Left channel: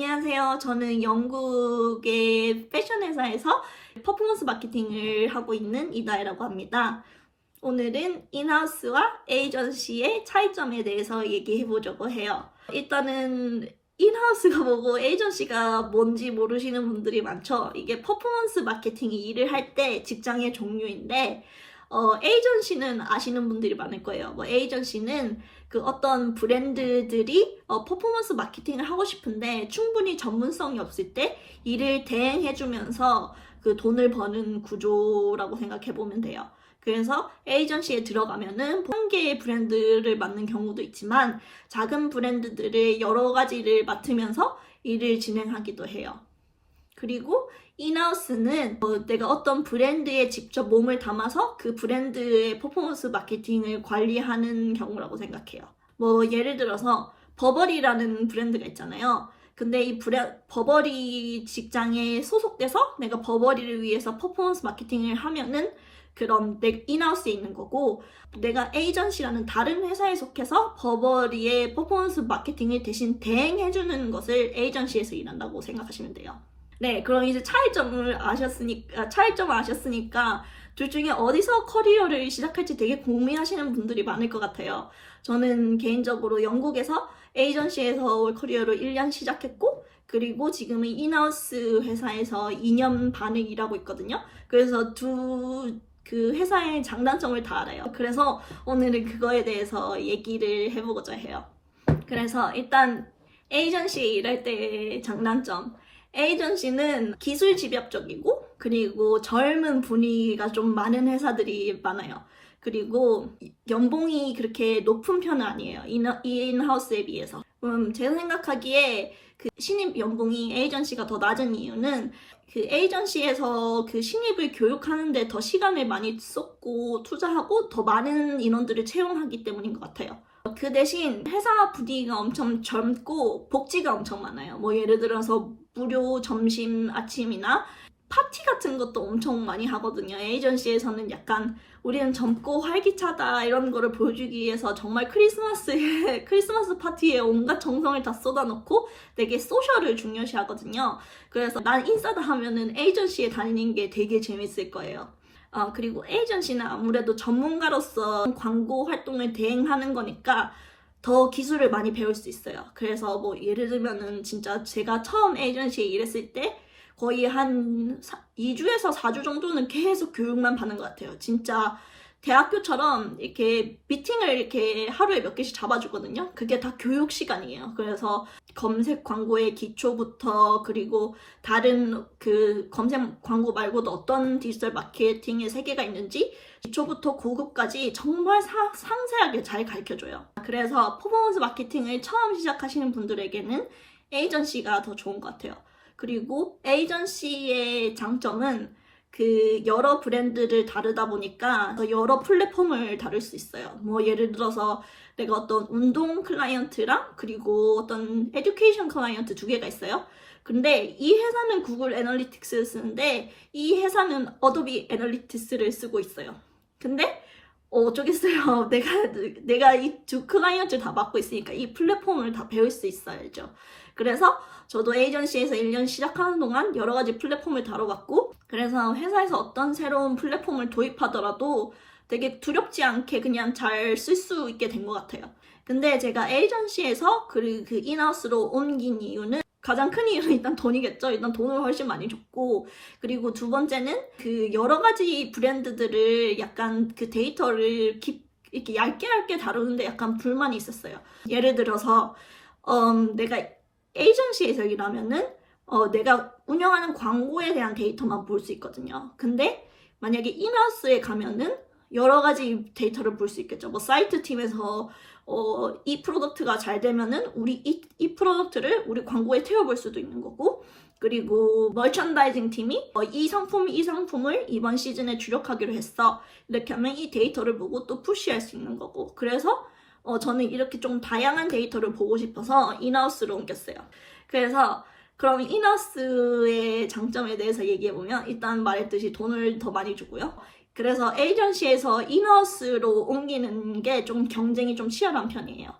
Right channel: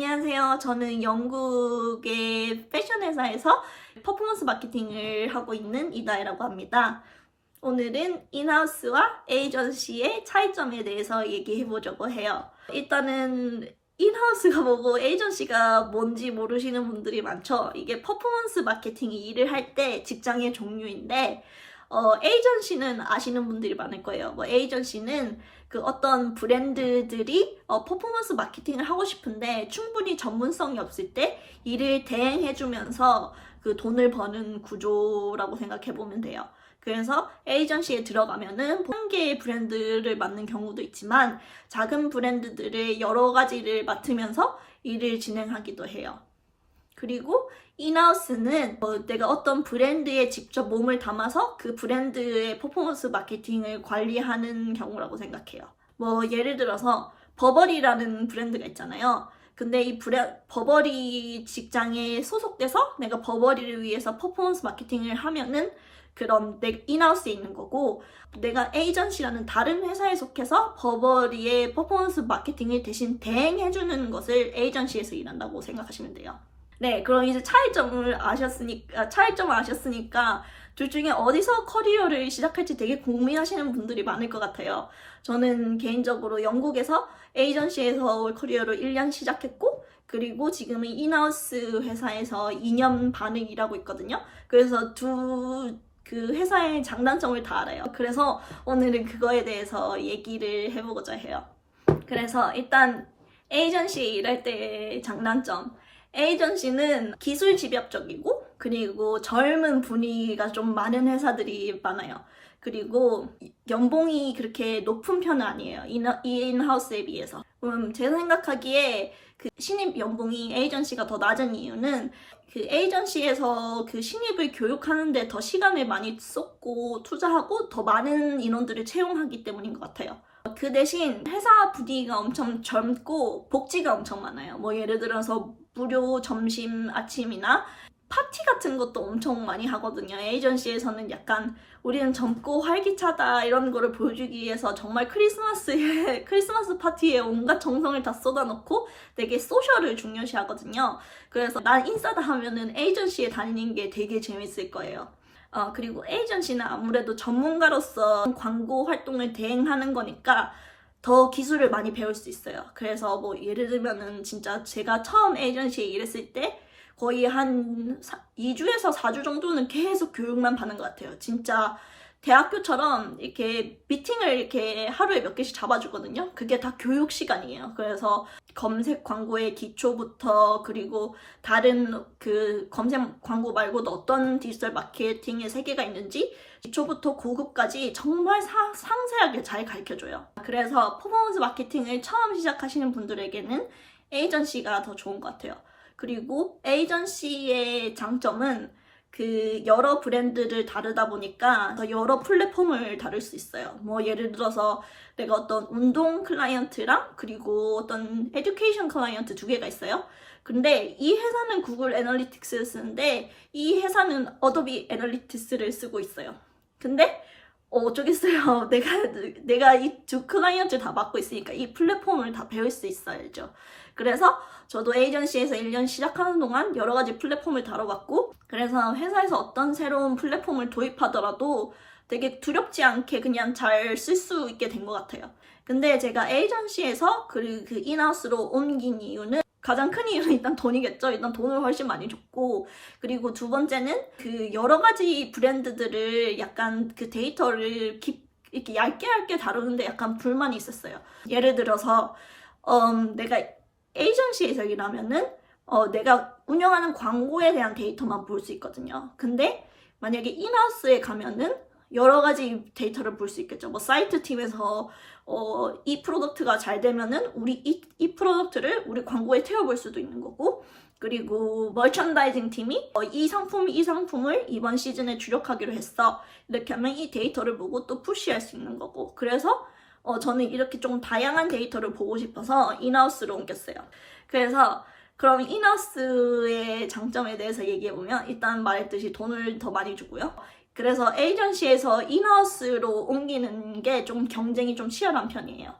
안녕하세요. 저는 영국의 패션 회사에서 퍼포먼스 마케팅을 하고 있는 이다혜라고 합니다. 오늘은 인하우스와 에이전시의 차이점에 대해서 얘기해 보려고 해요. 일단은 인하우스가 뭐고 에이전시가 뭔지 모르시는 분들이 많죠. 이게 퍼포먼스 마케팅 일을 할 때 직장의 종류인데 에이전시는 아시는 분들이 많을 거예요. 에이전시는 그 어떤 브랜드들이 퍼포먼스 마케팅을 하고 싶은데 충분히 전문성이 없을 때 이를 대행해주면서 그 돈을 버는 구조라고 생각해 보면 돼요. 그래서 에이전시에 들어가면은 한 개의 브랜드를 맡는 경우도 있지만 작은 브랜드들을 여러 가지를 맡으면서 일을 진행하기도 해요. 그리고 인하우스는 내가 어떤 브랜드에 직접 몸을 담아서 그 브랜드의 퍼포먼스 마케팅을 관리하는 경우라고 생각해요. 예를 들어서 버버리라는 브랜드가 있잖아요. 근데 이 버버리 직장에 소속돼서 내가 버버리를 위해서 퍼포먼스 마케팅을 하면은 그럼 내 인하우스에 있는 거고, 내가 에이전시라는 다른 회사에 속해서 버버리의 퍼포먼스 마케팅을 대신 대행해주는 것을 에이전시에서 일한다고 생각하시면 돼요. 네, 그럼 이제 차이점을 아셨으니까 둘 중에 어디서 커리어를 시작할지 되게 고민하시는 분들이 많을 것 같아요. 저는 개인적으로 영국에서 에이전시에서 커리어를 1년 시작했고, 그리고 지금은 인하우스 회사에서 2년 반을 일하고 있거든요. 그래서 그 회사의 장단점을 다 알아요. 그래서 오늘은 그거에 대해서 얘기를 해보고자 해요. 그래서 일단 에이전시에 일할 때의 장단점. 에이전시는 기술 집약적이고 그리고 젊은 분위기가 좀 많은 회사들이 많아요. 그리고 연봉이 그렇게 높은 편은 아니에요. 인하우스에 비해서. 제가 생각하기에 그 신입 연봉이 에이전시가 더 낮은 이유는 그 에이전시에서 그 신입을 교육하는데 더 시간을 많이 쏟고 투자하고 더 많은 인원들을 채용하기 때문인 것 같아요. 그 대신 회사 분위기가 엄청 젊고 복지가 엄청 많아요. 예를 들어서 무료 점심, 아침이나 파티 같은 것도 엄청 많이 하거든요. 에이전시에서는 약간 우리는 젊고 활기차다 이런 거를 보여주기 위해서 정말 크리스마스 파티에 온갖 정성을 다 쏟아놓고 되게 소셜을 중요시 하거든요. 그래서 난 인싸다 하면은 에이전시에 다니는 게 되게 재밌을 거예요. 그리고 에이전시는 아무래도 전문가로서 광고 활동을 대행하는 거니까 더 기술을 많이 배울 수 있어요. 그래서 예를 들면은 진짜 제가 처음 에이전시에 일했을 때 거의 한 2주에서 4주 정도는 계속 교육만 받는 것 같아요. 진짜 대학교처럼 이렇게 미팅을 이렇게 하루에 몇 개씩 잡아주거든요. 그게 다 교육 시간이에요. 그래서 검색 광고의 기초부터 그리고 다른 그 검색 광고 말고도 어떤 디지털 마케팅의 세계가 있는지 기초부터 고급까지 정말 상세하게 잘 가르쳐줘요. 그래서 퍼포먼스 마케팅을 처음 시작하시는 분들에게는 에이전시가 더 좋은 것 같아요. 그리고 에이전시의 장점은 그 여러 브랜드를 다루다 보니까 여러 플랫폼을 다룰 수 있어요. 예를 들어서 내가 어떤 운동 클라이언트랑 그리고 어떤 에듀케이션 클라이언트 두 개가 있어요. 근데 이 회사는 구글 애널리틱스를 쓰는데 이 회사는 어도비 애널리틱스를 쓰고 있어요. 근데 어쩌겠어요. 내가 이 두 클라이언트를 다 맡고 있으니까 이 플랫폼을 다 배울 수 있어야죠. 그래서 저도 에이전시에서 1년 시작하는 동안 여러 가지 플랫폼을 다뤄봤고, 그래서 회사에서 어떤 새로운 플랫폼을 도입하더라도 되게 두렵지 않게 그냥 잘 쓸 수 있게 된 것 같아요. 근데 제가 에이전시에서 그 인하우스로 옮긴 이유는 가장 큰 이유는 일단 돈이겠죠. 일단 돈을 훨씬 많이 줬고, 그리고 두 번째는 그 여러 가지 브랜드들을 약간 그 데이터를 이렇게 얇게 다루는데 약간 불만이 있었어요. 예를 들어서 내가 에이전시에서 일하면은 내가 운영하는 광고에 대한 데이터만 볼 수 있거든요. 근데 만약에 인하우스에 가면은 여러 가지 데이터를 볼 수 있겠죠. 사이트 팀에서 이 프로덕트가 잘 되면은 우리 이 프로덕트를 우리 광고에 태워볼 수도 있는 거고, 그리고 머천다이징 팀이 이 상품을 이번 시즌에 주력하기로 했어. 이렇게 하면 이 데이터를 보고 또 푸시할 수 있는 거고. 그래서 저는 이렇게 좀 다양한 데이터를 보고 싶어서 인하우스로 옮겼어요. 그래서 그럼 인하우스의 장점에 대해서 얘기해보면 일단 말했듯이 돈을 더 많이 주고요. 그래서 에이전시에서 인하우스로 옮기는 게 좀 경쟁이 좀 치열한 편이에요.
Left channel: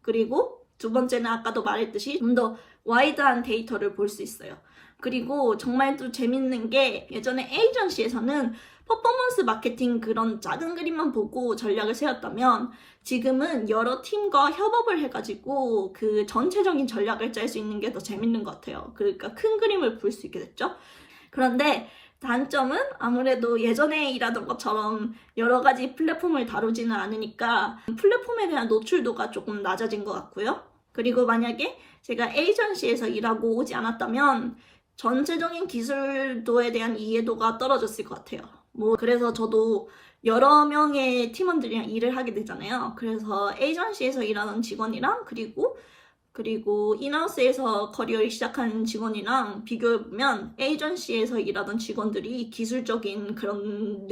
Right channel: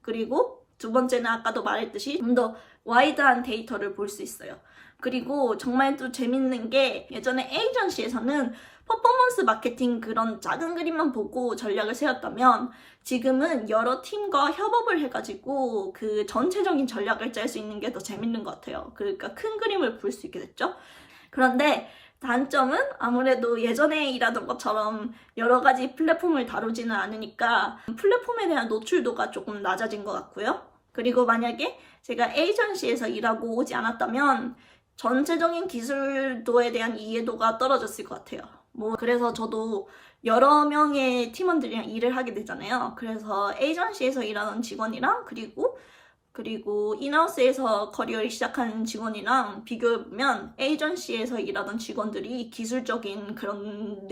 그리고 두 번째는 아까도 말했듯이 좀 더 와이드한 데이터를 볼 수 있어요. 그리고 정말 또 재밌는 게 예전에 에이전시에서는 퍼포먼스 마케팅 그런 작은 그림만 보고 전략을 세웠다면 지금은 여러 팀과 협업을 해가지고 그 전체적인 전략을 짤 수 있는 게 더 재밌는 것 같아요. 그러니까 큰 그림을 볼 수 있게 됐죠. 그런데 단점은 아무래도 예전에 일하던 것처럼 여러 가지 플랫폼을 다루지는 않으니까 플랫폼에 대한 노출도가 조금 낮아진 것 같고요. 그리고 만약에 제가 에이전시에서 일하고 오지 않았다면 전체적인 기술도에 대한 이해도가 떨어졌을 것 같아요. 그래서 저도 여러 명의 팀원들이랑 일을 하게 되잖아요. 그래서 에이전시에서 일하는 직원이랑 그리고 인하우스에서 커리어를 시작한 직원이랑 비교해보면 에이전시에서 일하던 직원들이 기술적인 그런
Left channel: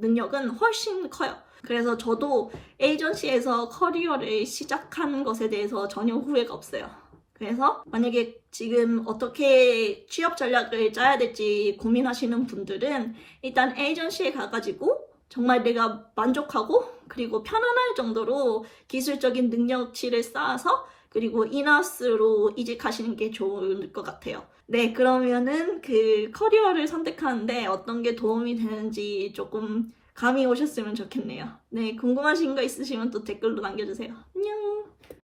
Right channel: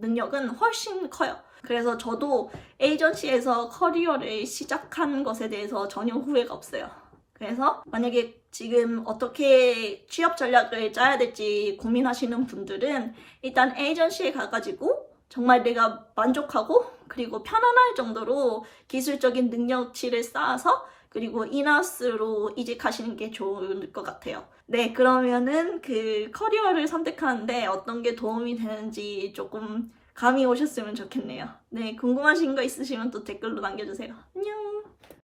능력은 훨씬 커요. 그래서 저도 에이전시에서 커리어를 시작한 것에 대해서 전혀 후회가 없어요. 그래서 만약에 지금 어떻게 취업 전략을 짜야 될지 고민하시는 분들은 일단 에이전시에 가가지고 정말 내가 만족하고 그리고 편안할 정도로 기술적인 능력치를 쌓아서 그리고 인하우스로 이직하시는 게 좋을 것 같아요. 네, 그러면은 그 커리어를 선택하는데 어떤 게 도움이 되는지 조금 감이 오셨으면 좋겠네요. 네, 궁금하신 거 있으시면 또 댓글로 남겨주세요. 안녕!